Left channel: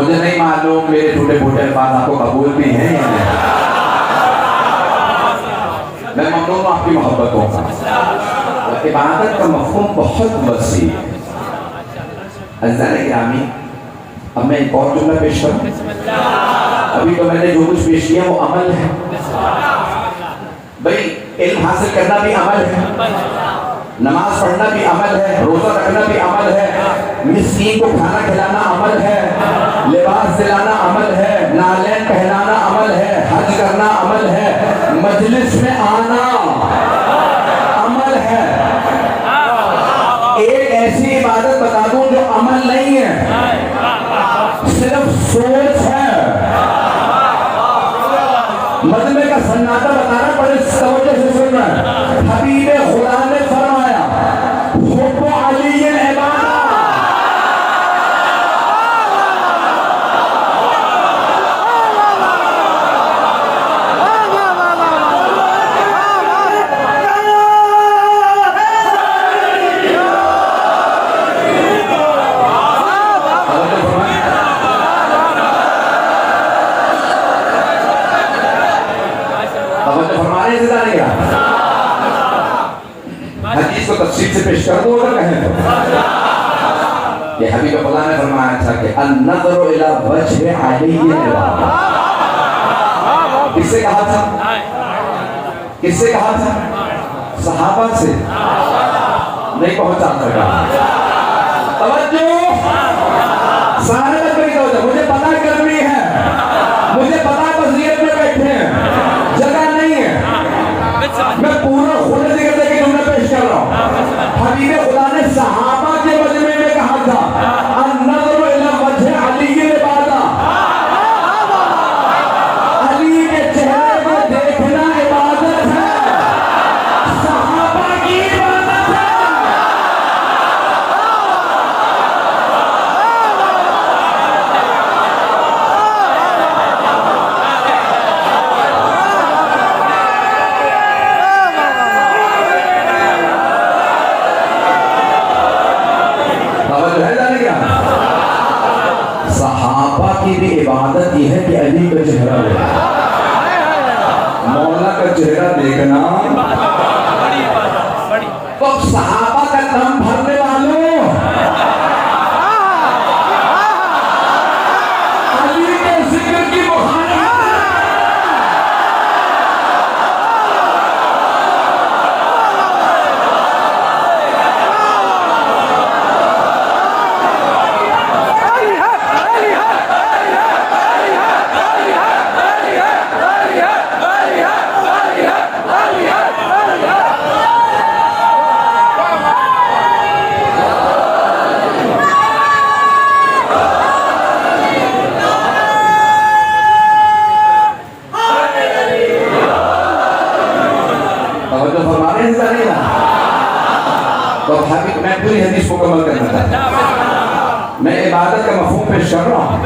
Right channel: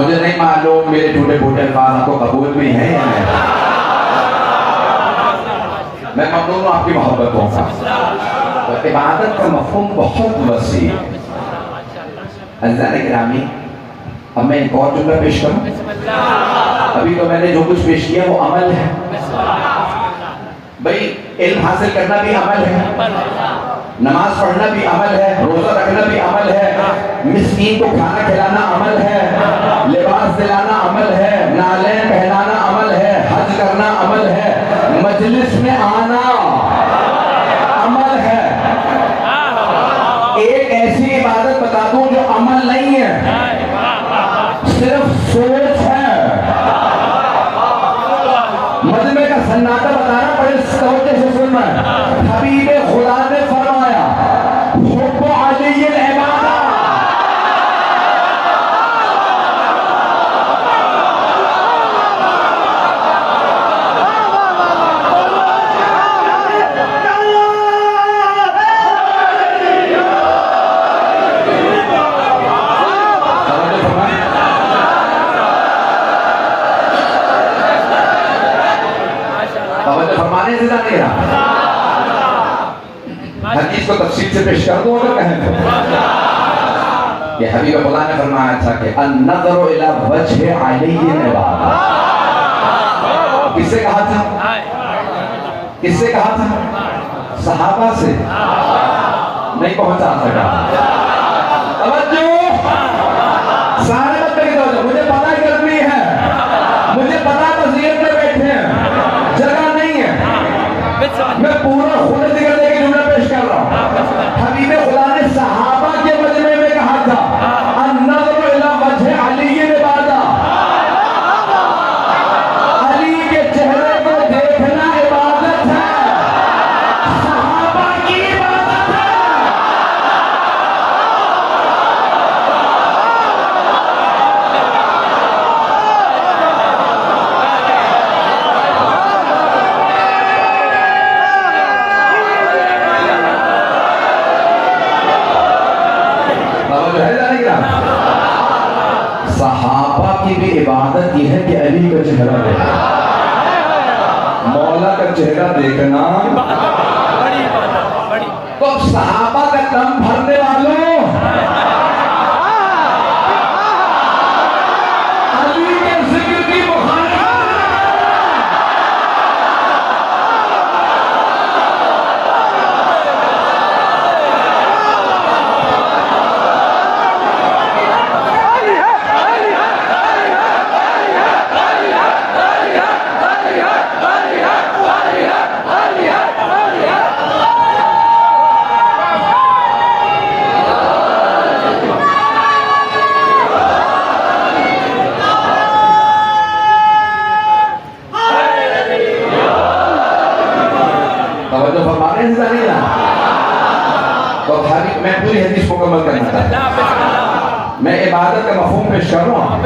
मुझे नहीं मालूम मेरे झूठे फूटे अल्फाज आपको कबूल भी हैं या नहीं। मैं ममनून हूं आपकी मोहब्बतों का। तो इबादत का मफ़हूम बहुत वसी है। गिरामी, अब मैं एक और जुमला पेश करूं। अभी तो मैंने जो कुछ पेश किया वो अमल है भाई। इल्म हासिल करना भी अमल है, नमाज पढ़ना भी अमल है, रोजा रखना भी अमल है, मिस्कीन को खाना खिलाना अमल है, लिबास दिलाना अमल है, नालें पहनाना अमल है, हज करना अमल है, मजलिस में आना अमल है। एक ऐसी इबादत बता दूं जो अमल नहीं है, सिर्फ सोच है। मजमे का सन्नाटा बताना पड़े, तवज्जो से सुनना। हबीबे खुदा ने फरमाया हुब्बु अलीय्यिल इबादा। हदीस को तफसील से पेश कर दो अगर कहें तो। ये हबीब खुदा ने फरमाया था कि अन-नज़रु इला वजहि अलीय्यिल इबादा। किससे कहा था? किससे कहा था? सहाबा से। नहीं पहुंचा सका। तवज्जो, सारे मत करिए तवज्जो। मुझे पता गर्मी है, मुझे पता वज़ीयत में बैठे हैं, जगह नहीं है। मैं पूरा खुद जिक्र करके जुमला पेश कर रहा हूँ। हबीब खुदा ने सहाबा के मजमे में कहा था अन-नज़रु इला वजहि अलीय्यिल इबादा। अली के चेहरे को देखना इबादत है, सहाबा की इबादत है। सहाबा की भी इबादत यह है कि अली का चेहरा देखना, मौला का चेहरा देखना। तो सहाबा का दम भरने वालों, अली के जिक्र की मुखालिफत। तो मैं पूरी हदीस मुकम्मल करना चाहता हूं। मैं इबादत का मफ़हूम पेश कर रहा हूं।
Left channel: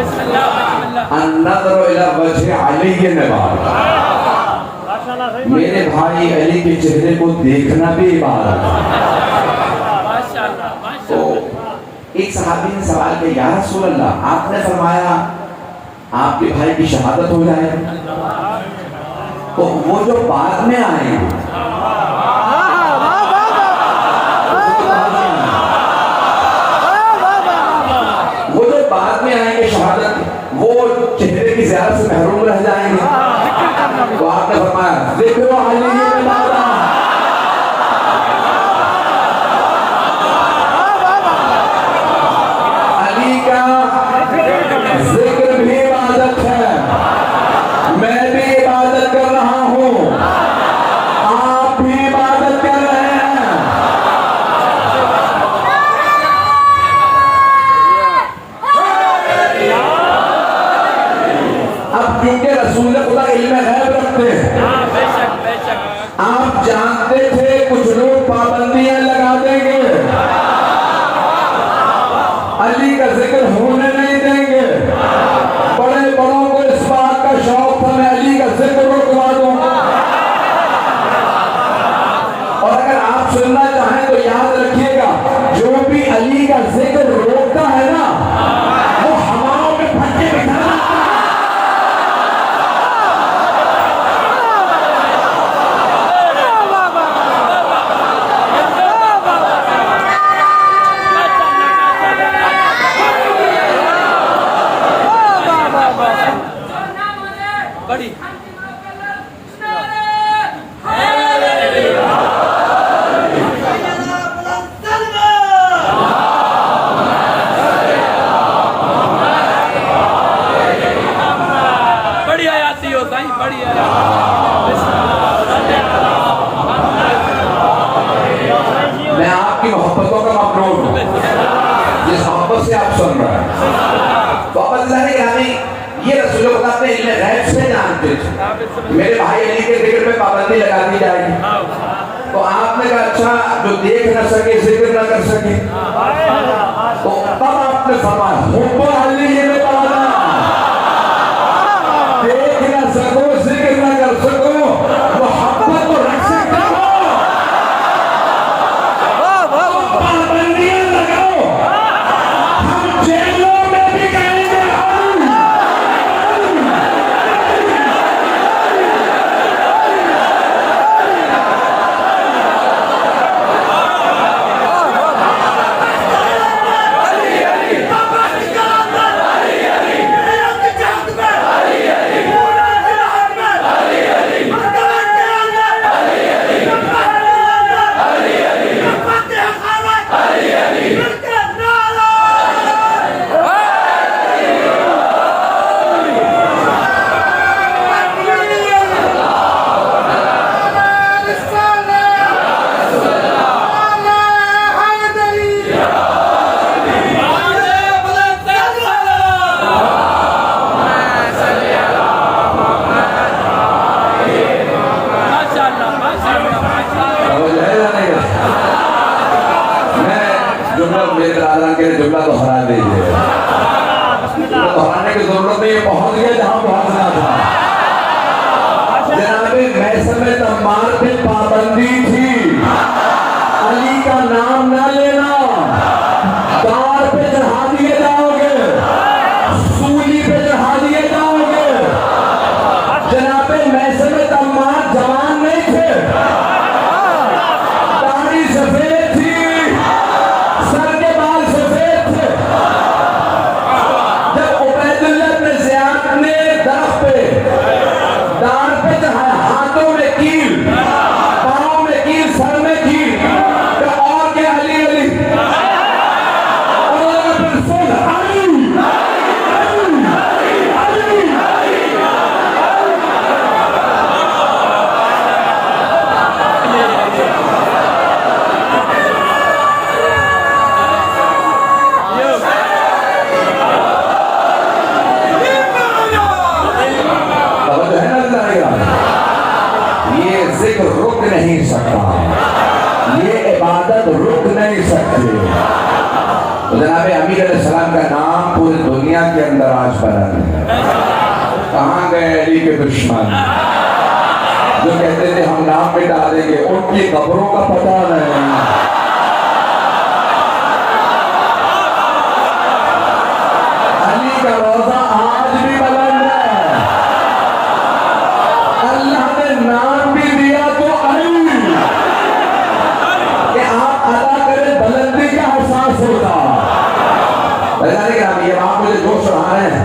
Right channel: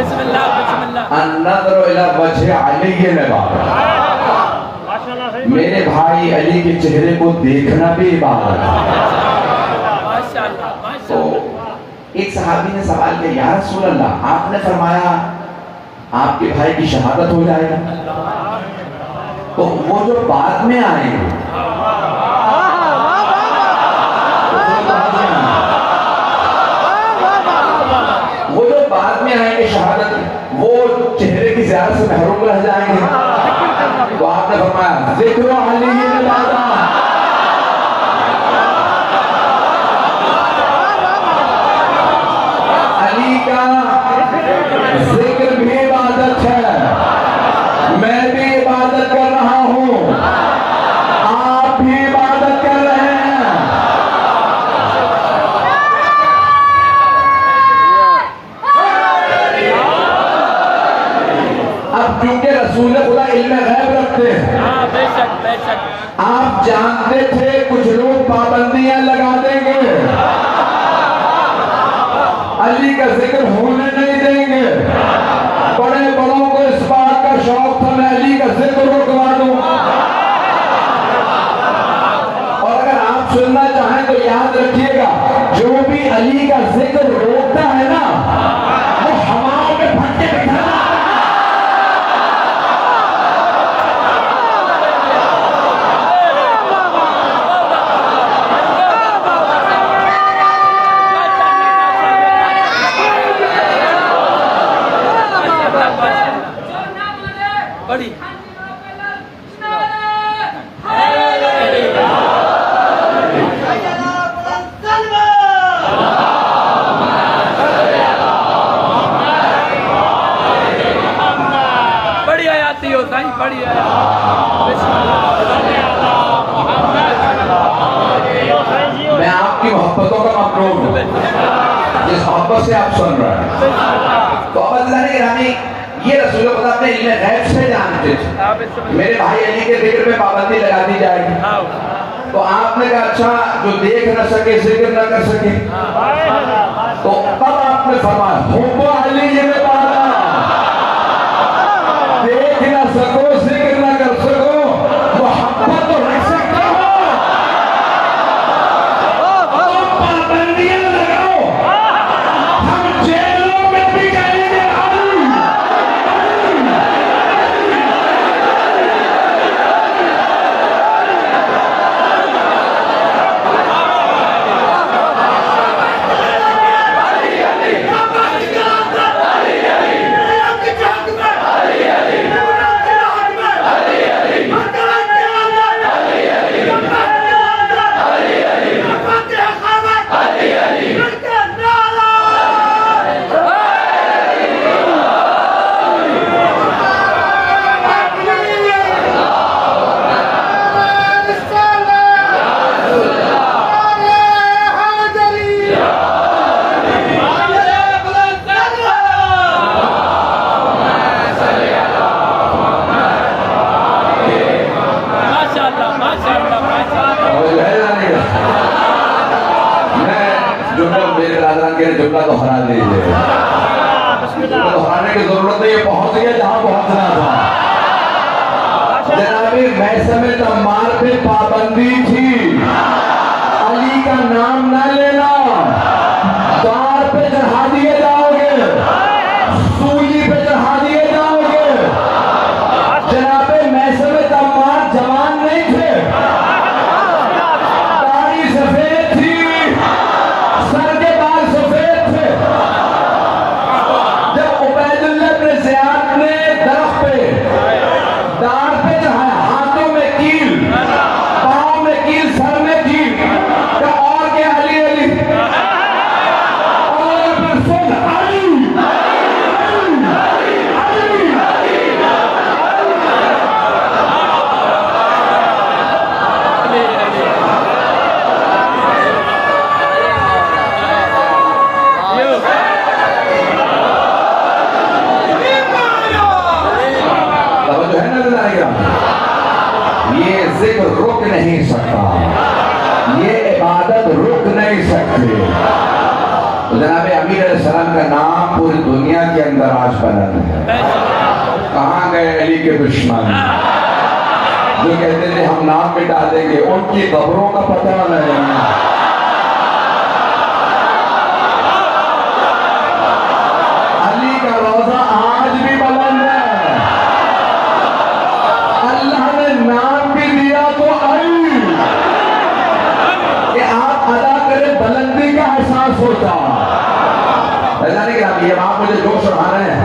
अन-नज़रु इला वजहि अलीय्यिल इबादा। मेरे भाई अली के चेहरे को देखना भी इबादत है। तो एक सहाबी ने सवाल किया, या रसूल अल्लाह, आपने फरमाया आपके भाई की शहादत हो जाएगी, तो वो जो बाद में आएंगे शहादत, वो चेहरे की ज़ियारत से महरूम रह जाएंगे। तो आपने फरमाया ज़िक्र अलीय्यिल इबादा। अली का जिक्र भी इबादत है, मैं भी इबादत कर रहा हूँ, आप भी इबादत कर रहे हैं। अब क्योंकि रसूल खुदा इल्म गैब रखते हैं, आप जानते थे कुछ लोग पाबंदियां लगा देंगे, अली का जिक्र होने नहीं देंगे। बड़े बड़ों को इस बात का शौक था मैं अली का जिक्र रुकवा दूं। और अगर आप सुनना चाहें तो याद रखिएगा, जो भी अली का जिक्र रोकता है ना, वो हवाओं में फटके बड़ी बड़ी आती हो साईं, बड़ी मैं आपकी मोहब्बतों का मखलूक हूं, जिस मोहब्बत से आप सुन रहे हैं। तो अब अल्लाह ने हमें ये रसूल खुदा अपने इल्म गैब से जानते थे। मेरे भाई अली के जिक्र पे पाबंदी लगा दी जाएगी, तो आपने कहा अच्छा जो देख न सके जिक्र न कर सके, तो तब आपने फरमाया हुब्बो अली ये बताना, देख न सको जिक्र न कर सको, मोहब्बत तो रख सकते हो, पाबंदियां लगाओ, हम जेलों में भी जाएंगे। जुमला तो हरा दीजिए, तो हराने की जरूरत नहीं, पहुंच गया जहां पहुंचना था। जनाबे मौसम तम्मार पे पाबंदी थी, अली का नाम ना लेना, तार पे चढ़ा दिए जाओगे, सूली पे चढ़ा दिए जाओगे। जनाबे मौसम तम्मार जवान नहीं थे, दाढ़ी सफेद थी, सर के बाल सफेद थे। जब उबैदुल्लाह इब्न ज़ियाद ने दरख्त पे दाढ़ पे चढ़ाया, हाथों में कील, पाँव में कील, सर में कील, तो और क्या अली अली, और फिर सुन अली ये जिक्र रुक नहीं सकता, ये इबादत रुक नहीं सकती। तो जनाब अमीर अलैहिस्सलाम का नाम पूरी दुनिया के अंदर आज बुलंद है। कहाँ गए अली के दुश्मन जो कहते थे हम नाम मिटा देंगे, उनकी कब्रों का पता नहीं। अली का रोजा आज भी बुलंद है, अल्लाह ने नाम भी दिया तो अली, कि आप अदा करें बुलंदी का एहसास होता। अब आप मुझे जोश बढ़ा रहे हैं,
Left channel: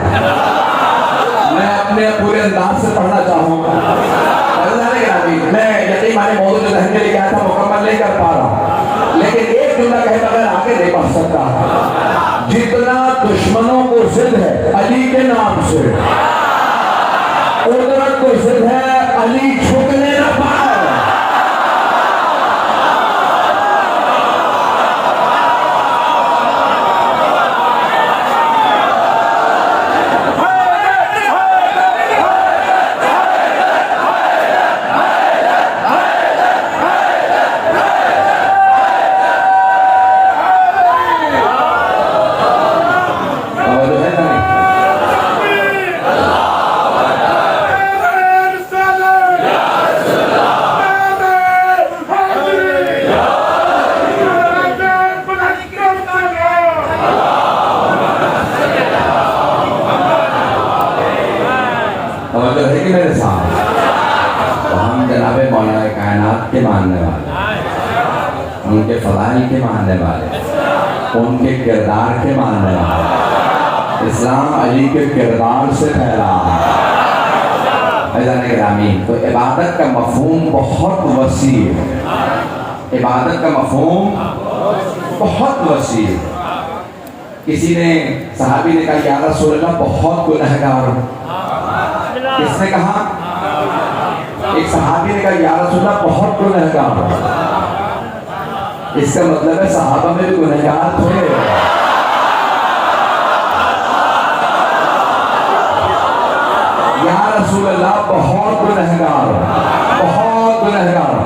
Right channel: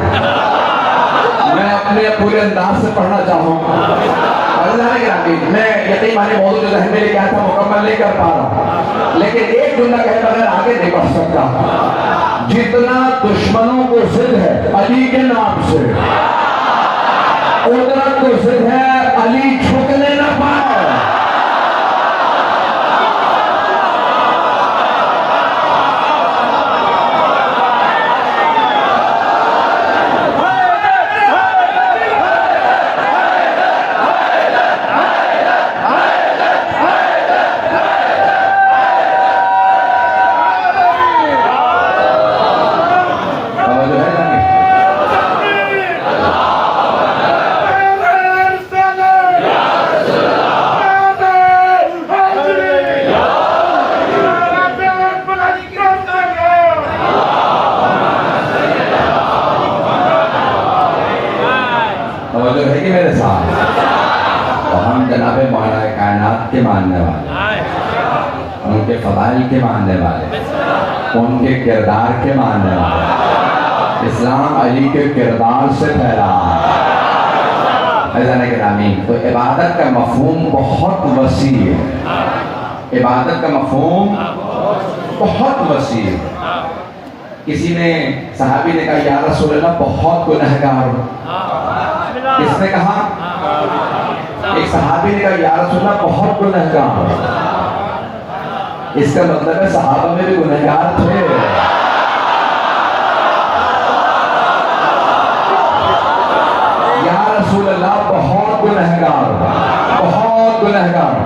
मैं अपने पूरे अंदाज से पढ़ना चाहूँगा। मैं यकीन माने मौजूद जो जहन में लेके आया था मुकम्मल नहीं कर पा रहा, लेकिन एक जुमला कहे बगैर आगे नहीं बढ़ सकता। जितना दुश्मनों को जिद है अली के नाम से, उतना को जिद है अली झुकने न पाए। है कि मेरे साथ तो हम जनाबे मौला कायनात के मानने वाले, उनके फज़ाइल के मानने वाले, उनके किरदार के मानने वाले। इस्लाम अली के किरदार से फैला, अज़ान गिरामी, तो इबादत का मफ़हूम बहुत वसी है। इबादत का मफ़हूम बहुत वसी है। किसी ने सहाबी ने कहा या रसूल अल्लाह बहुत गुनहगार हूं। किसने कहा? एक सहाबी ने कहा या रसूल अल्लाह बहुत गुनहगार हूं। इसका मतलब है सहाबा में भी गुनहगार थे। या रसूल अल्लाह बहुत गुनहगार हूं, बहुत गुनहगार हूं,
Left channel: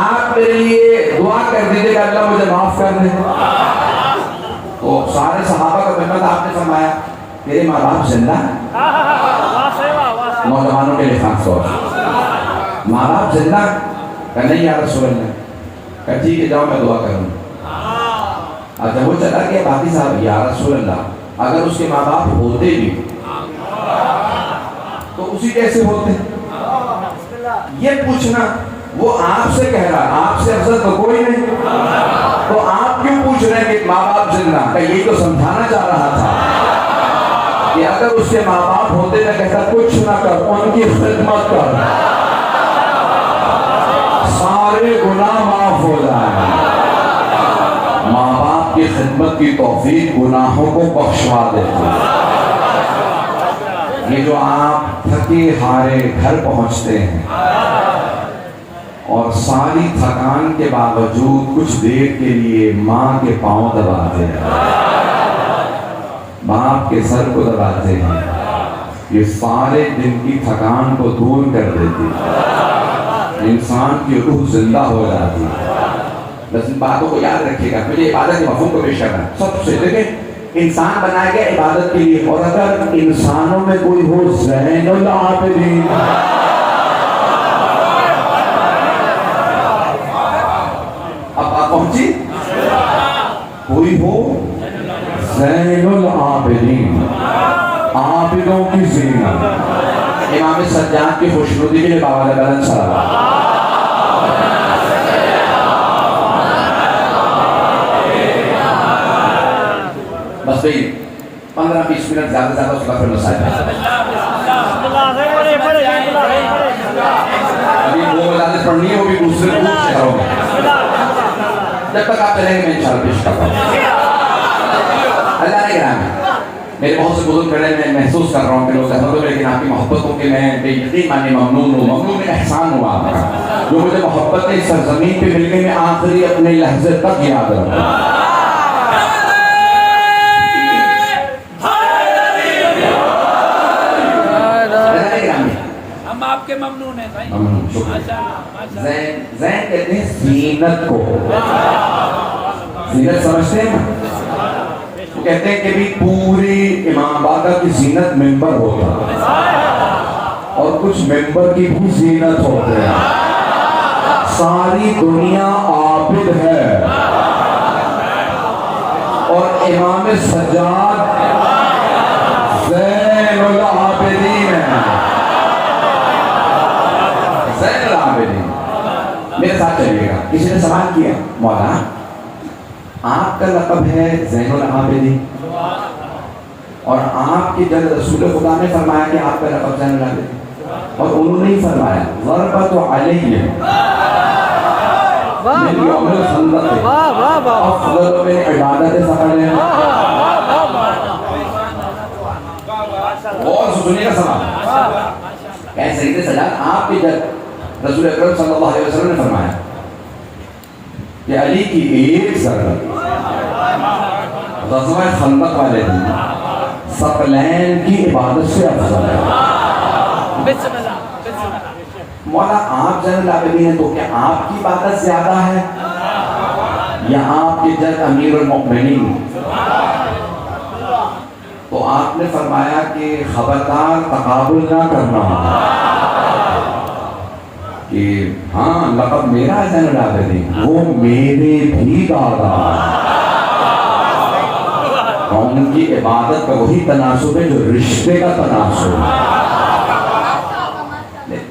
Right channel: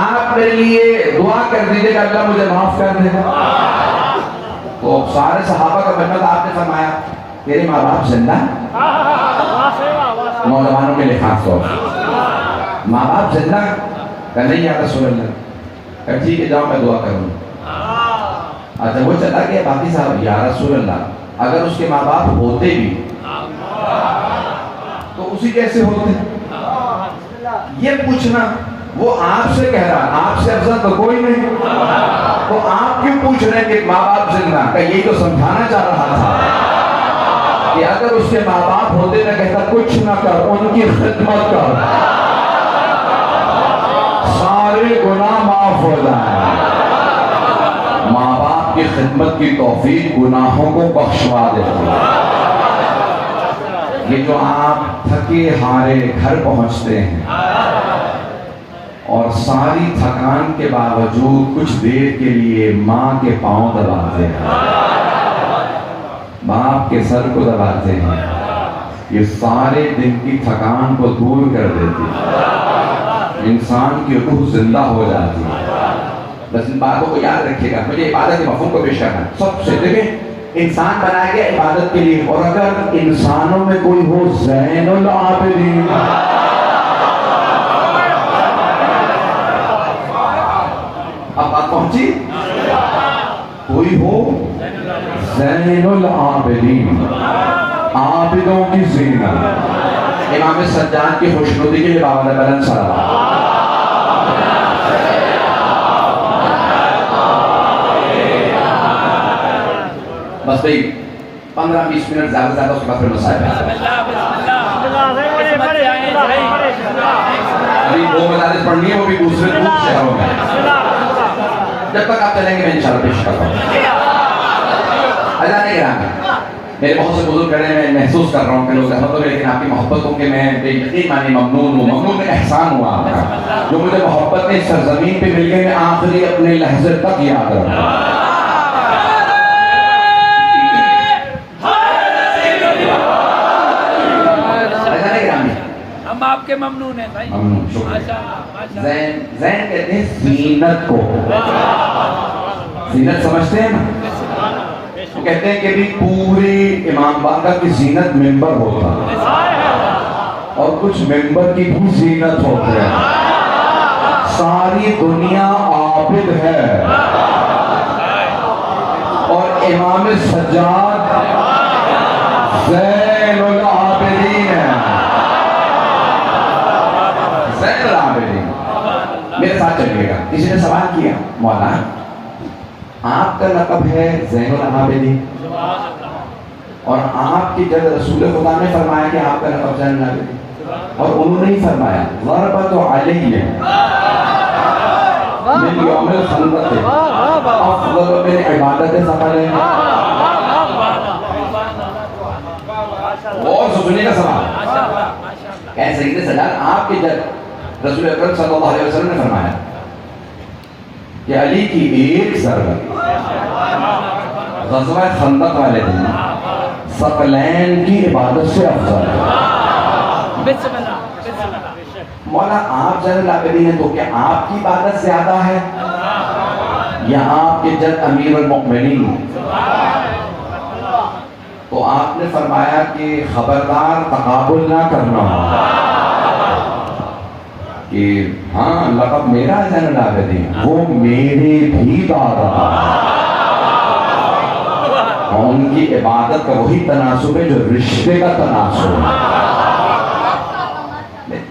आप मेरे लिए दुआ कर दीजिएगा अल्लाह मुझे माफ कर दे। तो सारे सहाबा का बनना था। आपने फरमाया तेरे माँ बाप जिंदा? नौजवानों के लिए खास तौर माँ बाप जिंदा? नहीं या रसूल अल्लाह। ठीक है जाओ मैं दुआ करूँगा। अच्छा वो चला गया। बाकी साहब या रसूल अल्लाह अगर उसके माँ बाप होते भी तो उसी कैसे होते? ये पूछना वो आपसे कह रहा है, आपसे अफजल तो कोई नहीं, तो आप क्यों पूछ रहे हैं कि माँ बाप जिंदा? का यही तो समझाना चाह रहा था कि अगर उसके माँ बाप होते ना कहता कुछ ना कर, उनकी खिदमत कर, सारे गुनाह माफ हो जाए। माँ बाप की खिदमत की तौफीक गुनाहों को बख्शवा देती है। ये जो आप थके हारे घर पहुंचते हैं और सारी थकान के बावजूद कुछ देर के लिए माँ के पांव दबाते हैं, बाप के सर को दबाते हैं, ये सारे दिन की थकान को दूर कर देती है। इंसान की रूह जिंदा हो जाती है। बस इन बातों को याद रखिएगा। मुझे इबादत के मफ़हूम को पेश करना है। सबसे देखें इंसान बनाया गया इबादत के लिए, और अगर इंसानों में कोई हो ज़ैनुल आबिदीन, अब बात पहुंची, कोई हो ज़ैनुल आबिदीन, आबिदों की ज़ीनत, इमाम सज्जाद की खुशनुदी के लिए बाबा ने बुलंद सलावत। बस भाई 15-20 मिनट ज्यादा ज्यादा उसका फिर मसाइल है। अभी वो मदारिस पढ़नी है, वो भी दूसरे शहरों में। जब तक आप चलेंगे मैं इंशाल्लाह पेश करता हूँ। अल्लाह ने गिरामी, मेरे बहुत से बुजुर्ग खड़े, मैं महसूस कर रहा हूँ कि लोग कहते हैं लेकिन आपकी मोहब्बत को कि मैं बेयकीन माने ममनून हूँ। ममनून में एहसान हुआ आपका, जो मुझे मोहब्बत इस सरजमीन पे मिल गई, मैं आखिरी अपने लहजे तक याद रखूँ। हम आपके ममनून हैं भाई। ममनून, शुक्रिया। ज़ैन कहते हैं ज़ीनत को। ज़ीनत समझते हैं ना? वो कहते हैं कि भी पूरे इमाम बागा की ज़ीनत मेंबर होता है और कुछ मेंबर की भी ज़ीनत होते हैं। सारी दुनिया आबिद है और इमाम सज्जाद ज़ैनुल आबिदीन है। ज़ैनुल आबिदीन, मेरे साथ चलिएगा। किसी ने सवाल किया मौला आपका लक़ब है ज़ैनुल आबिदीन और आपकी जब रसूल खुदा ने फरमाया कि आपका लक़ब ज़ैनुल आबिदीन, और उन्होंने ही फरमाया ज़रबतु अलैहि मिन यौमिल खंदक़ अफ़ज़ल मिन इबादत सफ़र। और सुनिए का सवाल ऐसे ही सजाद आपके जब रसूल अकरम सल्लल्लाहु अलैहि वसल्लम ने फरमाया कि अली की एक ज़रबत ग़ज़वा खंदक वाले दिन सकलैन की इबादत से अफजल है। मौला आप ज़ैनुल आबिदीन हैं, तो क्या आपकी इबादत ज़्यादा है या आपके जद अमीरुल मुमिनीन? तो आपने फरमाया कि खबरदार तकाबुल ना करना कि हाँ लक़ब मेरा है ज़ैनुल आबिदीन, वो मेरे भी दादा, और उनकी इबादत का वही तनासुब है जो रिश्ते का तनासुब है।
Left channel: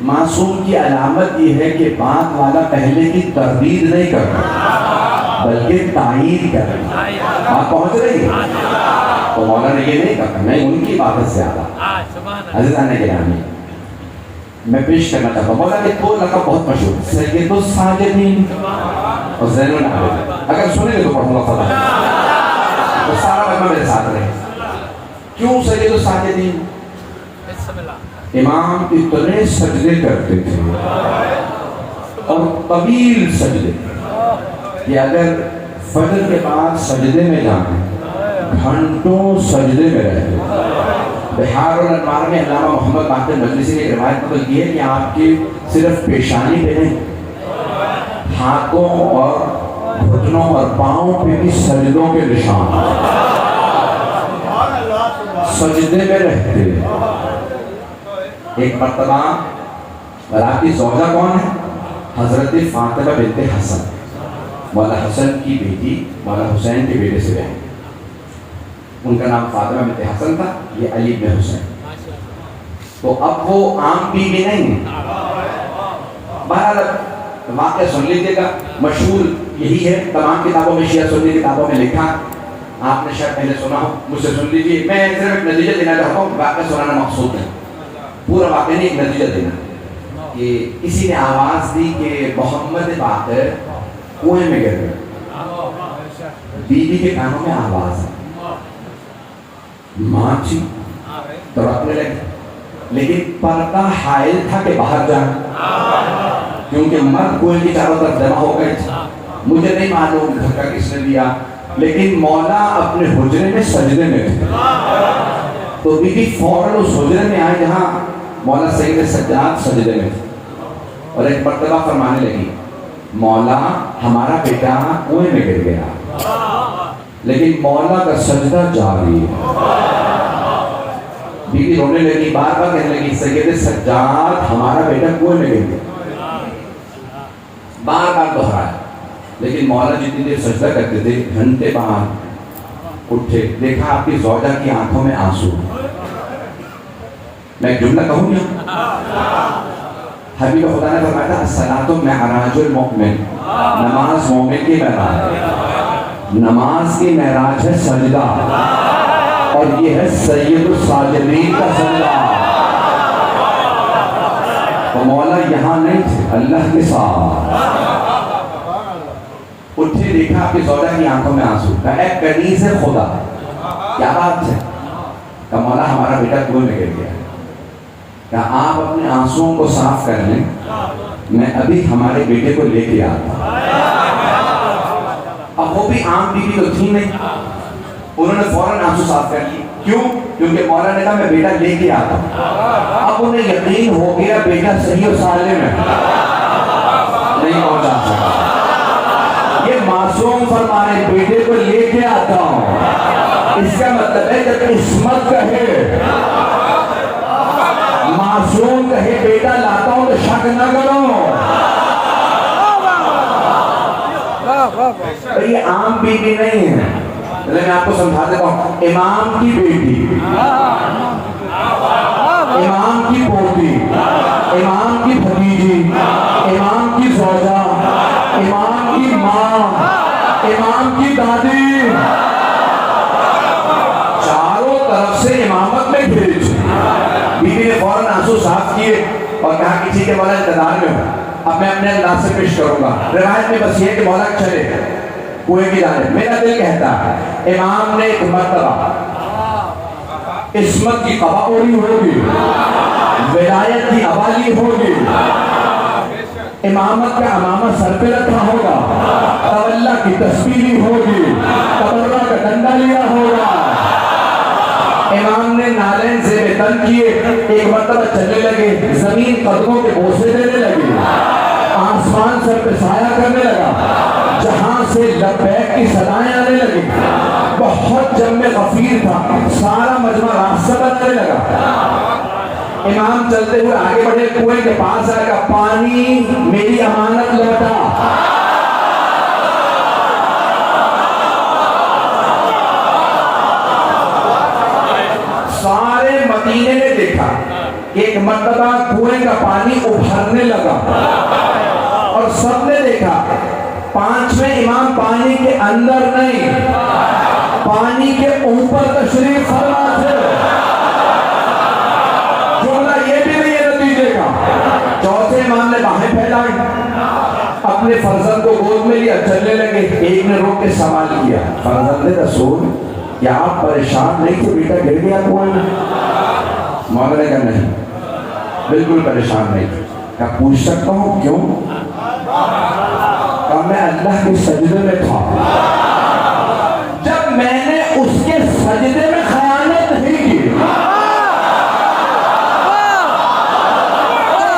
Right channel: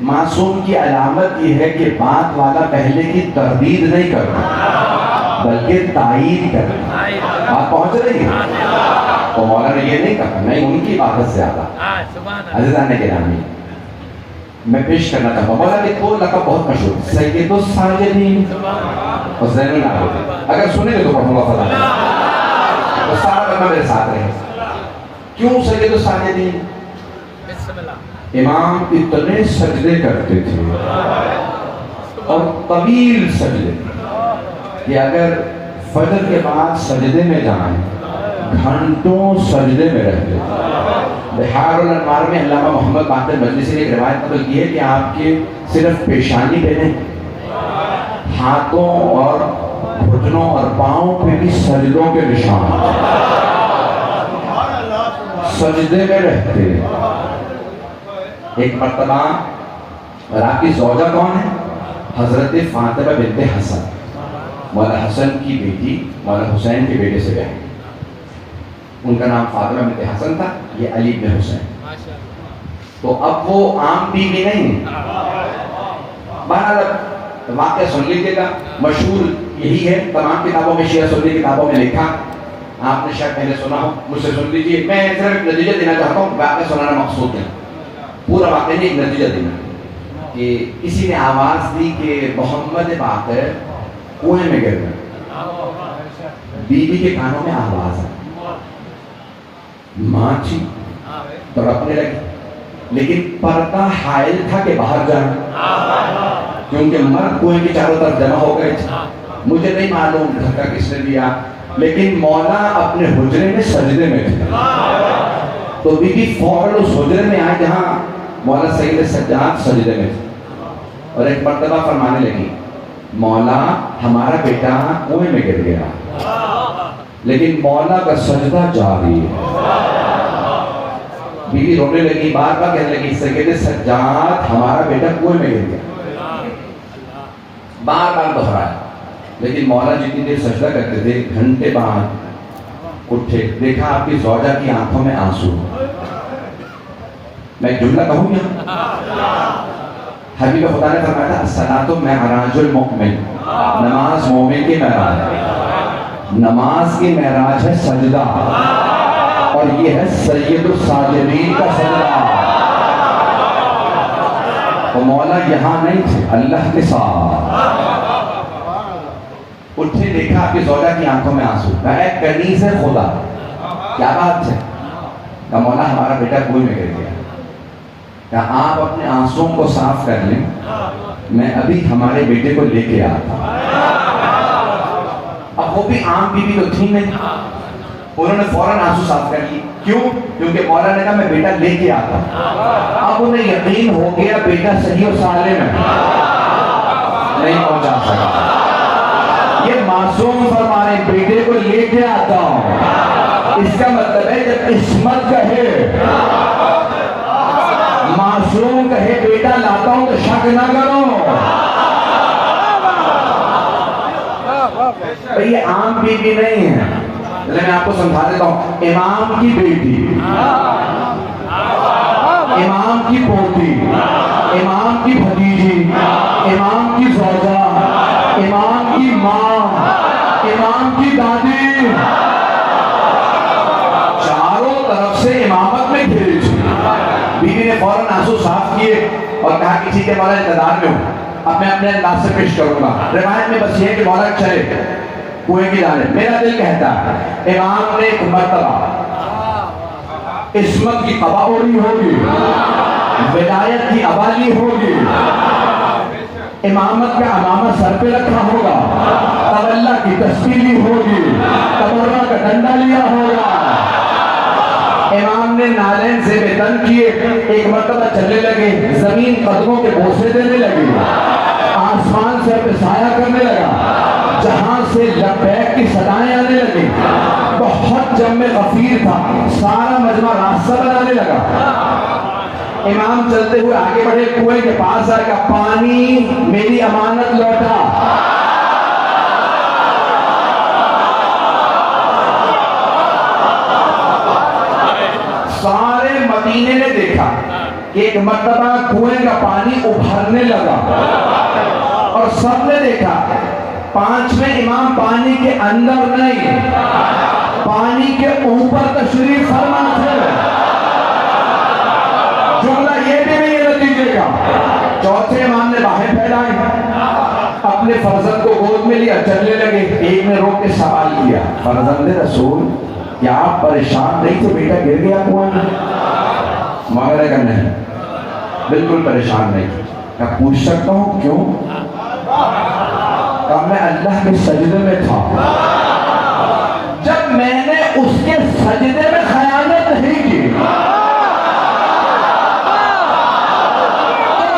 मासूम की अलामत ये है कि बात वाला पहले की तरदीद नहीं करता बल्कि तायीद करता। बात पहुंच रही है तो मौला ने ये नहीं कहा नहीं उनकी इबादत ज़्यादा। अज़ीज़ान गिरामी, मैं पेश करना चाहता हूँ। मौला के दो लक़ब बहुत मशहूर, सैयदुस साजिदीन और ज़ैनुल आबिदीन। अगर सुनेंगे तो पढ़ूंगा फला, तो सारा लक़ब मेरे साथ रहे। क्यों सैयदुस साजिदीन? इमाम इतने सजदे करते थे और तवील सजदे कि अगर फजर के बाद सजदे में जाएं, घंटों सजदे में रहते। बिहार और अनवार में अल्लामा मोहम्मद बाक़िर मजलिसी ने एक रिवायत नकल की है कि आपके सिर्फ पेशानी पे नहीं, हाथों और घुटनों और पाँव पे भी सजदों के निशान, सजदे में रहते। एक मर्तबा, और आपकी ज़ौजा कौन है? हजरत फातिमा बिन्ते हसन, मौला हसन की बेटी मौला हुसैन के बेटे से बहन। उनका नाम फातिमा बिन्ते हसन था, ये अली बिन हुसैन। तो अब वो आम बीवी नहीं है। बहरहाल वाक़या सुन लीजिएगा, मशहूर यही है, तमाम किताबों में, शिया सुन्नी किताबों में लिखा, आपने शायद पहले सुना हो, मुझसे सुन लीजिए। मैं सिर्फ एक नतीजा देना चाहता हूँ, वाक़या सुनाना मकसूद है, पूरा वाक़या नहीं, एक नतीजा देना कि किसी ने आवाज़ दी कि मोहम्मद बाक़िर कुएं में गिर गए। बीवी के कानों में आवाज़ है, माँ थी तड़पने लगी, लेकिन पर्दा हायल था कि बाहर जाए, क्योंकि मर्द कुएं की चारों तरफ जमा हो गए थे। मुझे नहीं मालूम धक्का किसने दिया, लेकिन मौला अपने हुजरे में सजदे में थे। तो बीबी फौरन उस हुजरे में आए जहाँ मौला सईद सज्जाद सजदे में थे, और एक मर्तबा फरमाने लगी, मौला हमारा बेटा कुएं में गिर गया, लेकिन मौला का सजदा जारी है। बीवी रोने लगी, बार बार कहने लगी, सैयद सज्जाद हमारा बेटा कुएं में गिर गया, बार बार दोहराया। लेकिन मौला जितनी देर सजदा करते थे, घंटे बाद उठे, देखा आपकी ज़ौजा की आंखों में आंसू। मैं एक जुमला कहूँ यहाँ, हबीब खुदा ने फरमाया था, सलातो महराजुल मोमिन, नमाज मोमिन की महराज, नमाज की महराज है सजदा, और ये है सैयदुस साजिदीन का सजदा। तो मौला यहाँ नहीं थे, अल्लाह के साथ उठे, देखा आपकी ज़ौजा की आंखों में आंसू, कहा कनीज़ है खुदा, क्या बात है? कहा मौला हमारा बेटा कुएं में गिर गया। कहा आप अपने आंसुओं को साफ कर लें, मैं अभी हमारे बेटे को लेके आता। अब वो भी आम बीवी तो थी नहीं, उन्होंने फौरन आंसू साफ कर लिए। क्यों? क्योंकि मौला ने कहा मैं बेटा लेके आता हूँ। अब उन्हें यकीन हो गया बेटा सही और सालिम है, नहीं पहुंचा सका। ये मासूम फरमाने बेटे को लेके आता हूँ, इसका मतलब है जब इस्मत कहे, मासूम कहे बेटा लाता हूं तो शक ना करो। तो ये आम बीवी नहीं है, मैं आपको समझा देता हूं। इमाम की बेटी, इमाम की पोती, इमाम की भतीजी, इमाम की ज़ौजा, इमाम की माँ, इमाम की दादी, चारों तरफ से इमामत में घिरी थी। बीवी ने फौरन आंसू साफ किए और कहा कि ठीक है मौला इंतजार में हूँ, अब मैं अपने अंदाज से पेश करूंगा। रिवायत में बस ये कि मौला चले कुएं की जाने। मेरा दिल कहता है इमाम ने एक मर्तबा इस्मत की कबाओरी होगी, विलायत की अवाली होगी, इमामत का अमामत सर पे रखा होगा, तवल्ला की तस्वीर होगी, तबर्रा का डंडा लिया होगा। इमाम ने नालैन से बेतन किए, एक मर्तबा चलने लगे, जमीन कदमों के बोसे देने लगी, आसमान सर पे साया करने लगा, जहां से लब्बैक की सदाएं आने लगी। बहुत जम्मे गफीर था, सारा मजमा रास्ता बनाने लगा। इमाम चलते हुए आगे बढ़े, कुएं के पास आएगा, पानी मेरी अमानत लौटा। सारे मदीने ने देखा, एक मर्तबा कुएं का पानी उभरने लगा और सबने देखा पांचवें इमाम पानी के अंदर नहीं, पानी के ऊपर तशरीफ फरमा थे। जुमला ये भी नहीं है नतीजे का, चौथे इमाम ने बाहें फैलाई, अपने फर्जंद को गोद में लिया, चलने लगे। एक ने रोक के सवाल किया, फर्जंद रसूल क्या आप परेशान नहीं थे, बेटा गिर गया कुएं में? मौला ने कहा नहीं, बिल्कुल परेशान नहीं। क्या पूछ सकता हूँ क्यों? कहा मैं अल्लाह के सजदे में था, जब मैंने उसके सजदे में खयानत नहीं की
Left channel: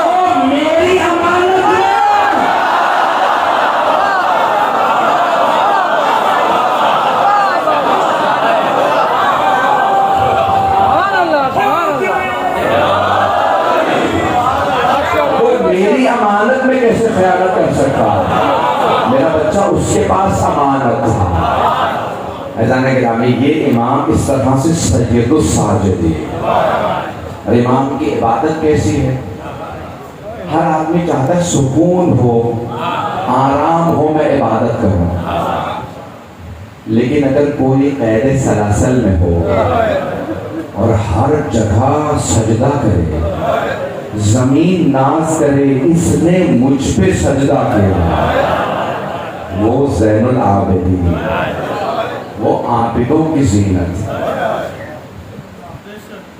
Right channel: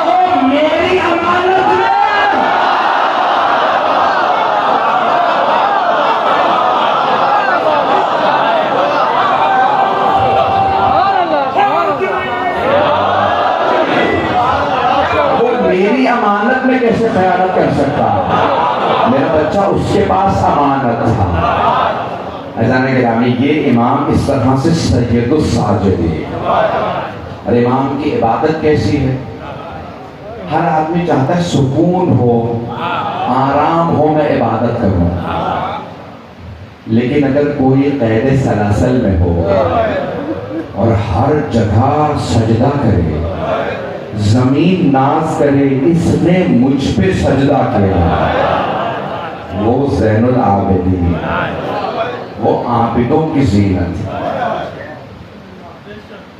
तो मेरी अमानत में मेरी अमानत में कैसे खयानत कर सकता? मेरा बच्चा उसके पास अमानत था। अज़ान गिरामी, ये इमाम इस तरह से सैयदुस साजिदी है। और इमाम की इबादत कैसी है? हर आदमी चाहता है सुकून हो, आराम हो, मैं इबादत करूं। लेकिन अगर कोई कैद सलासल में हो और हर जगह सजदा करे, जमीन नाज करे, इसने मुझ पे सजदा किया, वो ज़ैनुल आबिदीन, वो आबिदों की ज़ीनत।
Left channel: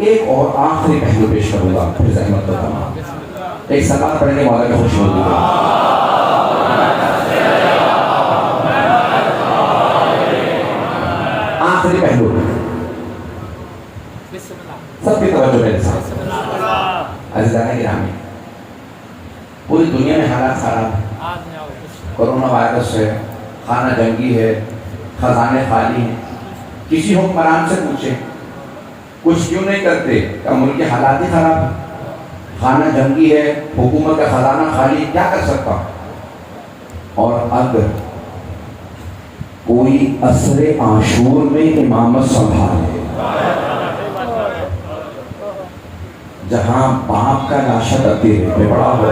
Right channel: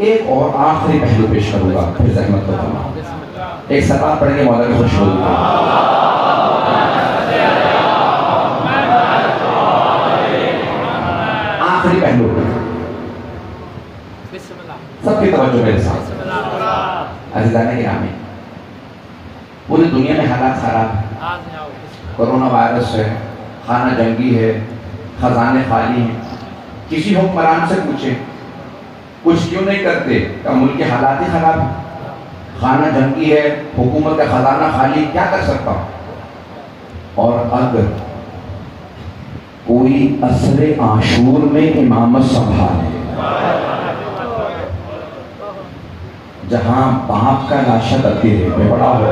एक और आखिरी पहलू पेश करूंगा, फिर ज़हमत तो तमाम। एक सलात पढ़ेंगे मौला की खुशनुदी को। आखिरी पहलू, सबकी तवज्जो मेरे साथ। अज़ीज़ान गिरामी, पूरी दुनिया में हालात खराब है। कोरोना वायरस है, खाना जंगी है, खजाने खाली हैं। किसी हुक्मरान से पूछे कुछ क्यों नहीं करते? क्या मुल्क के हालात ही खराब है, खाना जंगी है, हुकूमत का खजाना खाली, क्या कर सकता हूं? और अगर कोई असरे आशूर में इमामत संभाले, जहां बाप का लाशा तब्दील में बड़ा हो,